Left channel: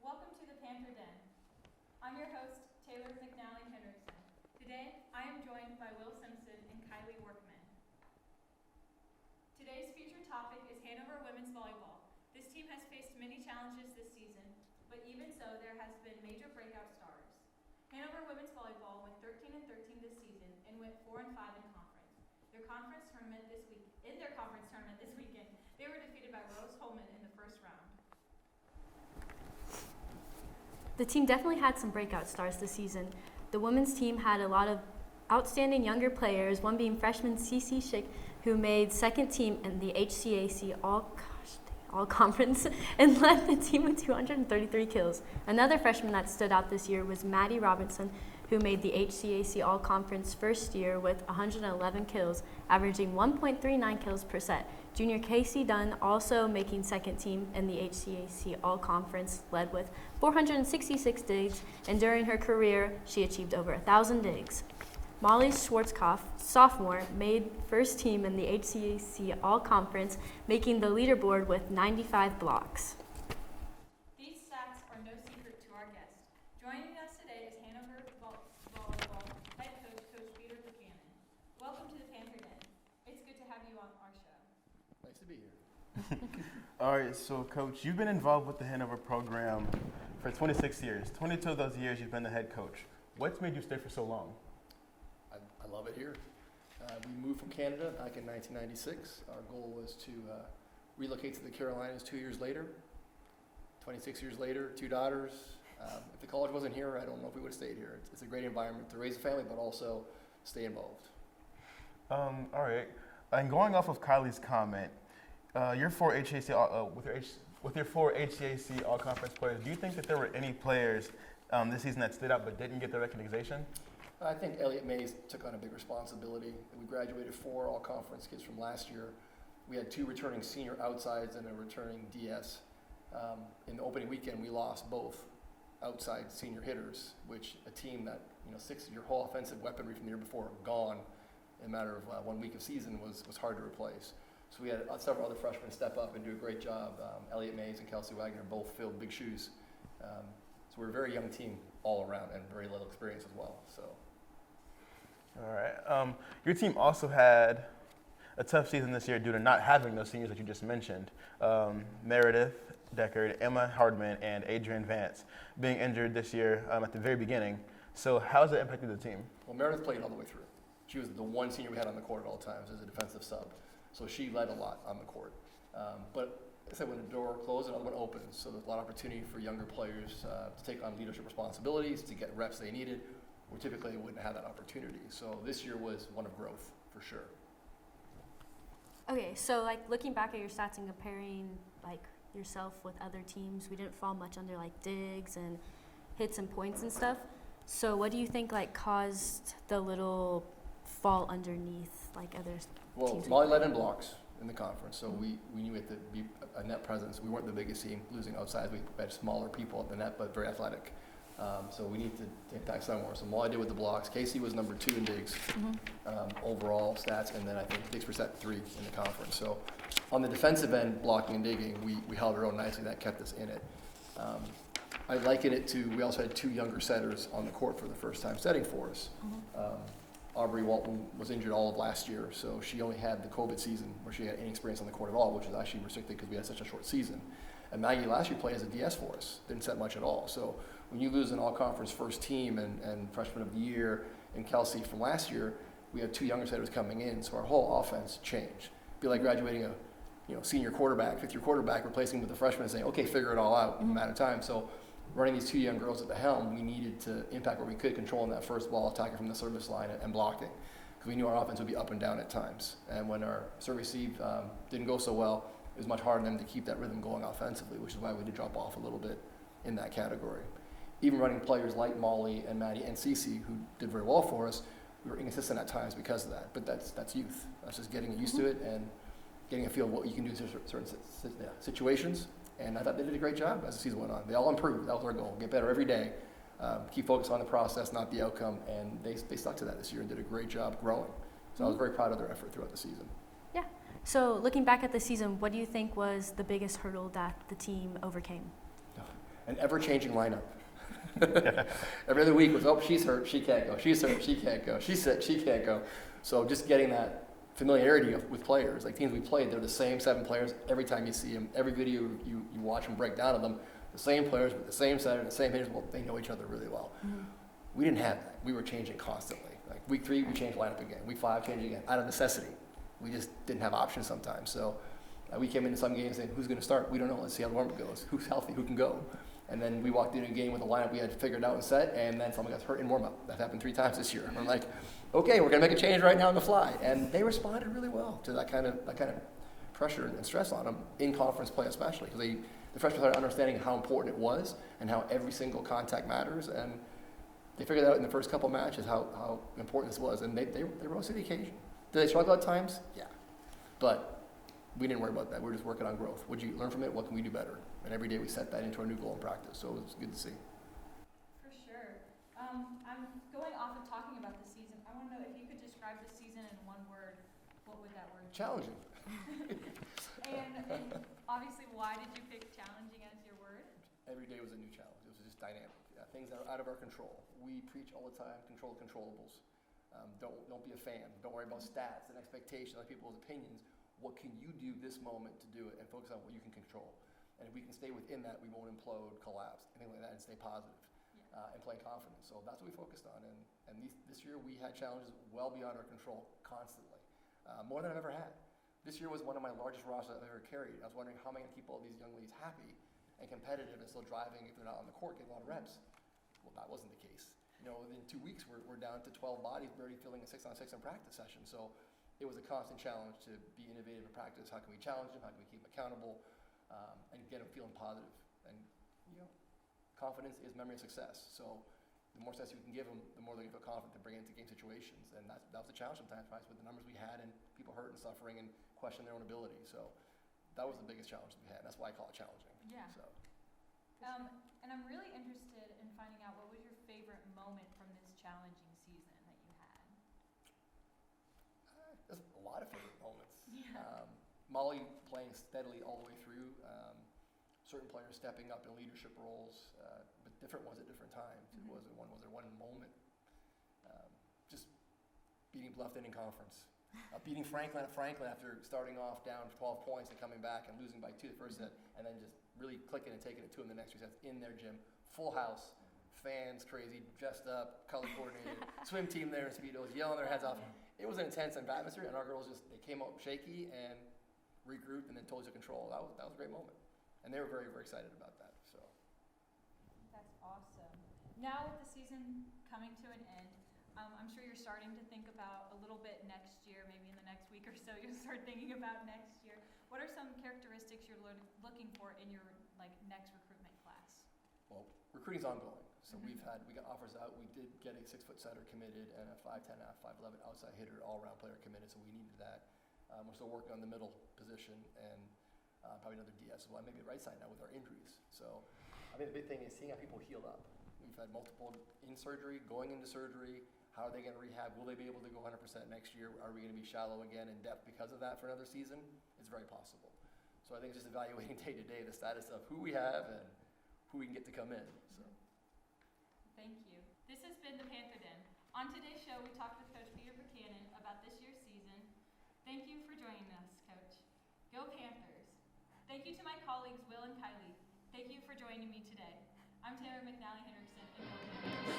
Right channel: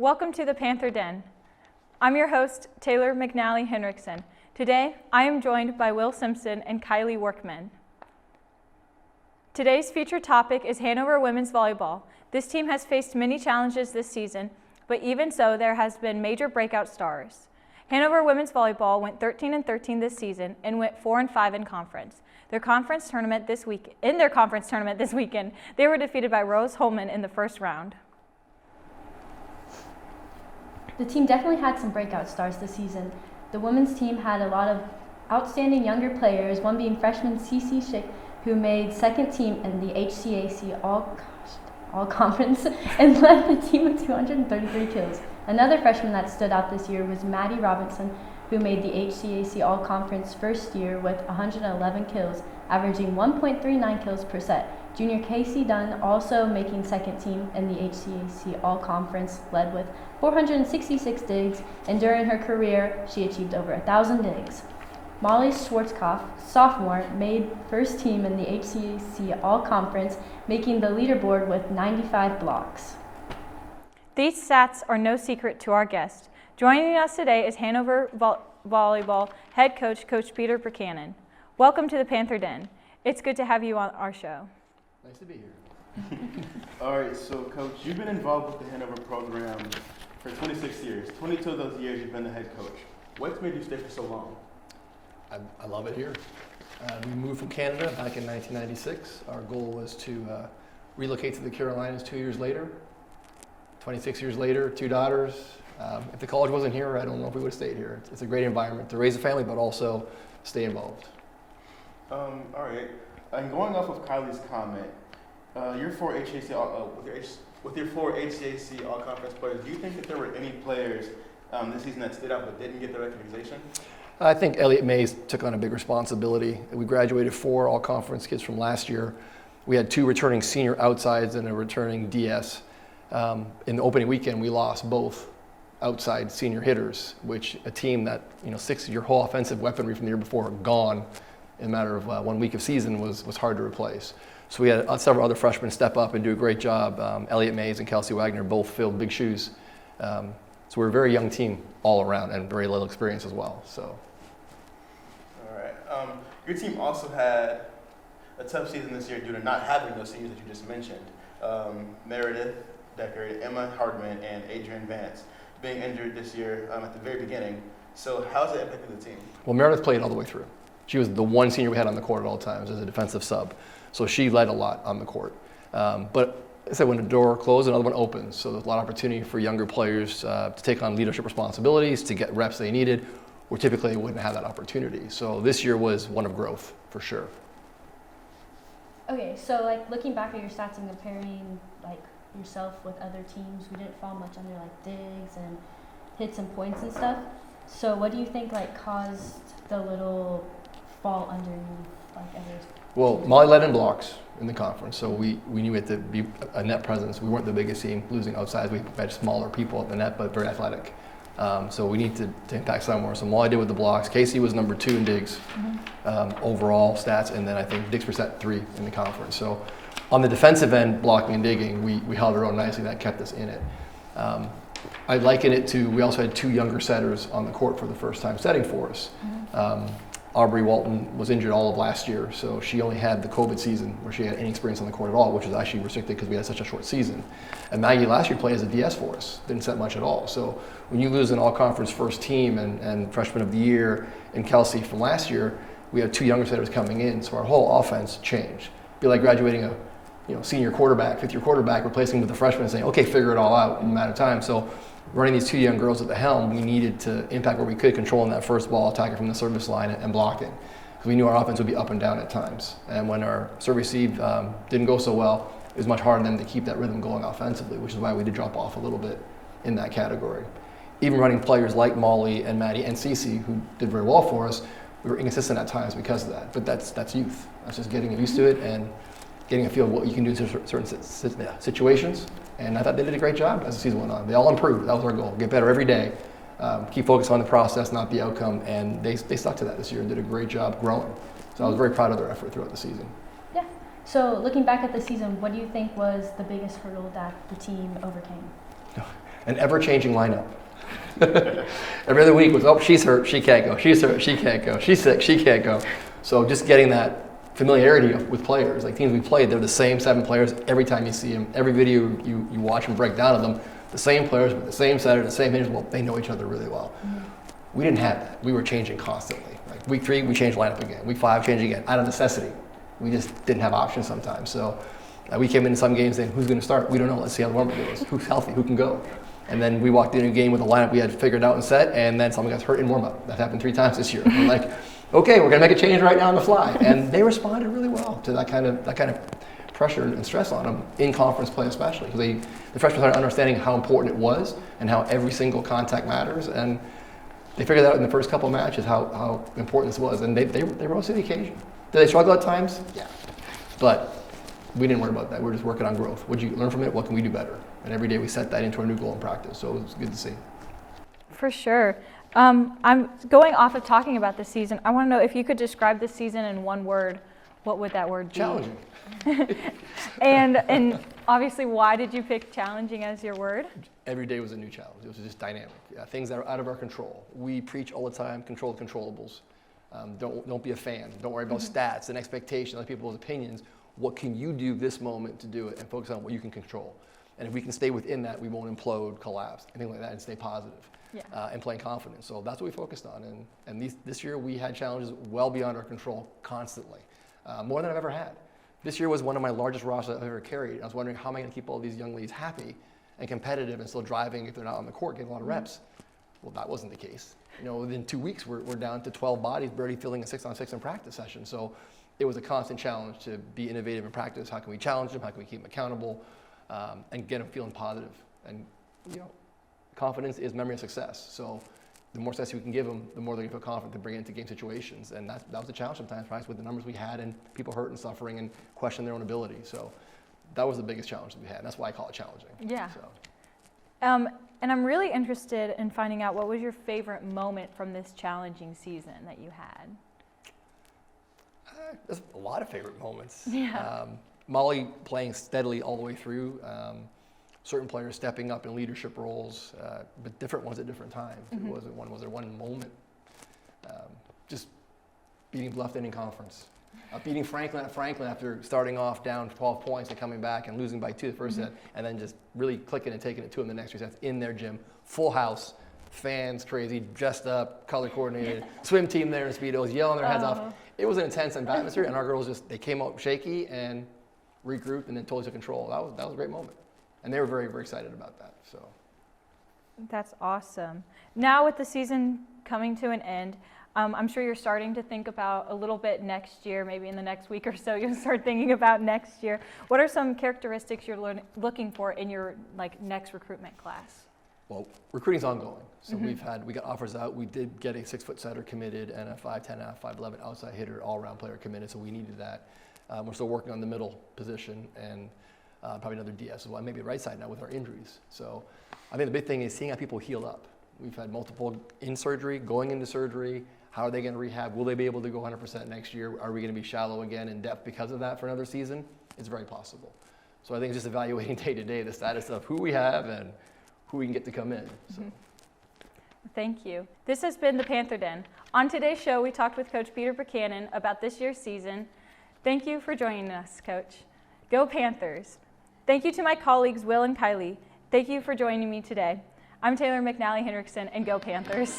Welcome to the Panther Den. I'm your host, Taylor McNally-Hendrikson. Today, I am joined by Will Simpson and Kylie Workman. Today's featured topic is Hanover Women's Volleyball. This team has faced many challenges this season, but even so, there has been major breakout stars. Hanover Women's Volleyball went 13-13 this season and went 4-5 in conference. In their conference tournament this weekend, they were defeated by Rose Holman in the first round. The team definitely had some breakout stars this season. The women's team had a lot of outstanding younger players, one being freshman Cece Schick, who made second team in the HCAC All-Conference and led the team with 233 kills. Another freshman that stood out this year was Maddie Robinson, who made the HCAC All-Conference first year with 111 kills, averaging 1.39 kills per set. Junior Casey Dunn also making second team in the HCAC All-Conference, led with 466 digs, and during her career, she achieved over 1,000 digs. Molly Schwarzkopf, sophomore, made first team in the HCAC All-Conference, making the leaderboard with 95 blocks. These stats are no secret to our guest. Joining us today is Hanover Volleyball Head Coach, Coach Peter Preocanin. Welcome to the Panther Den. It's good to have you on our show. Nice to be here. All right, so Coach, you've been involved with the Hanover program for 26 years. 22 of those years you've been the head coach. What's made you stay for so long? I love it here. We moved from Canada back in 1996. Our goal was to relocate to the Carolinas 2 years later. 26 years later, 2 daughters. If the college wasn't here, I don't know if we would have stayed here. It's a great environment to raise a family, but also stay involved. All right. And going off of Kylie's comment, your 4 HCAC with your 4 HCAC All-Conference players, do you think that there were any players this season that stood out but didn't get the recognition? I think Elliot Mays took on a big responsibility. We graduated 4 all-conference kids from last year. We had 2 returning senior outsides and a returning DS. In the opening weekend, we lost both outside senior hitters, which a team that, 6 of your whole offensive weaponry from the year before gone in a matter of 1 week of season was hard to replace. So we had several other freshmen step up and do a great job. Elliot Mays and Kelsey Wagner both filled big shoes. So we're a very young team all around and very little experience as well. So. All right. Your team also had a tough season this year due to not having those seniors that you just mentioned. Meredith Decker, Emma Hardman, and Adrian Vance being injured this year at the very beginning. So how's it impacted the team? Well, Meredith played all the way through. She was the one senior we had on the court at all times as a defensive sub. So she led a lot on the court. But like I said, when the door closed, another one opens. So there's a lot of opportunity for younger players to take on leadership responsibilities, to get reps they needed, where typically they wouldn't have that opportunity. So this year was one of growth, for sure. Okay, so looking back at your stats and comparing yourself with other teams, we didn't fall much under digs and hits and points and stuff. So what do you think caused the little fall underneath others? Well, Molly led in blocks in the conference, so we knew we had to be a net presence. We weren't the biggest team, losing outside. We had smaller people at the net, but very athletic. So we need to impact somewhere. So Molly did with the blocks. Casey was number 2 in digs, overall stats, and then I think digs percent 3 in the conference. So on the defensive end, blocking and digging, we held our own nicely. That kept us in it. I liken it to, we also had 2 younger setters on the court for the first time setting for us. Aubrey Walton was injured all of last year, so she only had the COVID season where she had any experience on the court at all, which was actually restricted because we had such a short season. And Maggie last year played as a DS for us, didn't set much at all. So when you lose an all-conference first team and freshman of the year and Kelsey from last year, we had 2 younger setters coming in, so our whole offense changed. It'd be like graduating a senior quarterback, 5th-year quarterback, replacing with a freshman and saying, okay, figure it all out in a matter of time. So running these 2 young girls at the helm, we needed to impact where we could, controlling that first ball, attacking from the service line and blocking. Because we knew our offense would be up and down at times. And when our serve receive didn't go so well, it was much harder than to keep that rhythm going offensively, which is why we did drop off a little bit in that category. Even running players like Molly and Maddie and Cece, who did very well for us, we were inconsistent at times because of that. But that's youth. That's just getting used to it and getting a feel of what you can do in certain situations. And I thought they did a great job as the season went on. They all improved. That was our goal. Get better every day. Keep focused on the process, not the outcome. And they stuck to that this year and did a great job growing. So I was very proud of their effort throughout the season. Yeah. So looking back at the season, what do you think was the biggest hurdle that the team overcame? an ever-changing lineup. Every other week was, oh, she's hurt, she can't go. She's hurt, she can't go. She's sick, she can't go. So just getting that familiarity with players, like teams we played, they're the same 7 players every time you see them. Every video you watch them break down of them, the same players with the same setter, the same hitters. Well, they know each other really well. We didn't have that. We were changing constantly. Like week 3, we changed lineup again. Week 5, changed again, out of necessity. We just didn't have options sometimes. So we came into some games saying, who's going to start? We don't know. Let's see how the warm-up goes. Who's healthy? Who can go? And then we walked in a game with a lineup we had figured out and set, and then someone got hurt in warm-up. That happened 3 times this year. We're like, okay, we're going to make a change right now on the fly. And they responded really well to that kind of pressure and stress on them in conference play especially. Because the freshmen started understanding how important it was and how every single contact matters. And they figured out in the first couple of matches how important this was. And they rose to the occasion. Did they struggle at times? Yeah. But we didn't worry about that. We were just working on growth. What did you learn from it? What can we do better? And every day we set that into our new goal in practice. So it was good to see. For sure. I'm going off of talking about this season. I want to know if you could describe this season in one word, what would that word be? Challenging. And obviously, why did you pick challenging as your word? Every day was a new challenge. It was just dynamic. Things that are out of our control. We preach all the time, control the controllables. Don't be a fan. Don't worry about stats and expectations, other people's opinions. What can you do this moment to do it, and focus on what you can control. And if we can stay within that, we won't implode, collapse, anything like that, and stay positive. Yeah. And playing confidence. So that's what we focused on. And this year we had challenges well beyond our control constantly, more than I've ever had. This year was one of my largest rosters I've ever carried. I was wondering, how am I going to keep all these young ladies happy and competitive and still driving if they're not on the court, getting a lot of reps? Well, that wasn't the case. Within 2 weeks, we're down to 12 bodies, barely filling a 6-on-6 in practice session. So it was a constant challenge to be innovative in practice. How can we challenge them? How can we keep them accountable? And get them feeling positive. And confidence is memory of success. So the more success we can give them, the more they're going to feel confident to bring it into game situations. And that was a challenge sometimes, right, with the numbers we had and people hurt and suffering and questioning their own ability. So that was the biggest challenge that we had. And that's why I call it challenging. Yeah. So. And I'm really interested in finding out, what was your favorite moment from this challenging season that you had? There's a lot of favorite moments. Yeah. Molly playing steadily all the way through. Certain players stepping up in leadership roles, but different ones at different times. It wasn't one. Was there one moment? Just beating Bluffton in conference, beating Franklin at Franklin after starting off down 12 points and coming back and losing by 2 the first set, and then just really clicking and taking it to them the next 3 sets in their gym, full house, fans crazy, dressed up, color coordinated, swim team there in Speedos, yelling their heads off. It was an intense atmosphere, and our girls they came out shaky and regrouped and then totally took control. That was a great moment. And they were very, very excited about that. So that's awesome. Now with the season coming to an end, I'm sure you're starting to think about a little bit next year, maybe in the next week or so, you'll start thinking about next year. What are some characteristics you're looking for in your next recruitment class? Well, recruiting's ongoing. So we got offers out. We did get a 6-foot setter committed and a 5'10", 5'11" outside hitter, all-around player committed. So we needed that. We're still working on the middle position and probably another DS as well, maybe right side now with our injuries. So I think the big thing is seeing how people heal up. We've had multiple in surgery, going into surgery. How are they going to rehab? Will they be able to go 100% next year? Are we going to be shallow again in depth because of that for another season? It's very possible. So I think it's just evaluating day to day the status of who we have and who we can get to come in. So. Thank you. This has been the Panther Den. On today's show, we talked with Coach Peter Preocanin about this year's season. Thank you for joining us, Coach. Go Panthers. Thank you to my colleagues, Will and Kylie. Thank you for joining me today. I'm Taylor McNally-Hendrikson, and go Panthers.